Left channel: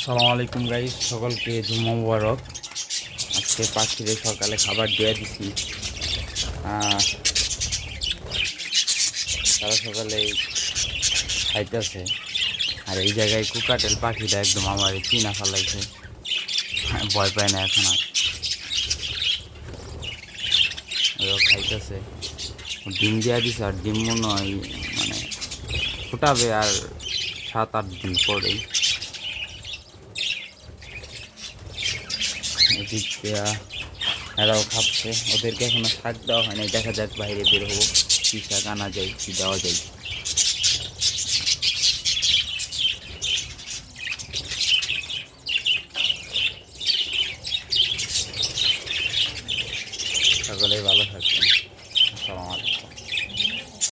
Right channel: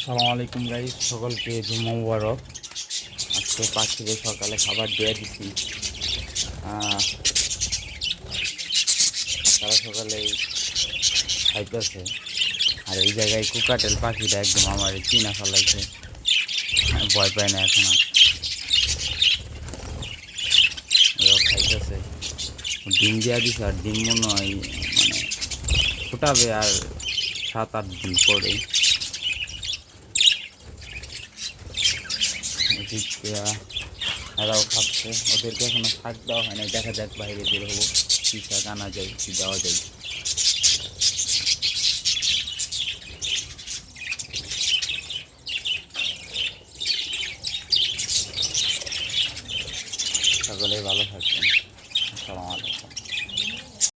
আসসালামু আলাইকুম গাইস, সকলকে জুম্মা মুবারক। আজকে পাখিদের সকালে খাবার দিয়ে দিচ্ছি। তারা সকালে খাইতেছে। আর এই জায়গায় কুকাটেল পাখিটা একদম আমার চিনা ফেলাইছে, ভয় পায় না এখন আর। ওরা খাইতেছে, ডিম দিয়া দিছে। আর ডিম মনে হয় মানে ফুটাবে আর 7-8 দিন পরেই। এদিক দিয়া এরাও খাচ্ছে। ওদেরকে এখনো শাক দেওয়া হয় না, দেখা যাক বাইরে বের হবো, কি শাক আনা যায়, কি দেওয়া যায়। সকলেই ভালো থাকবে।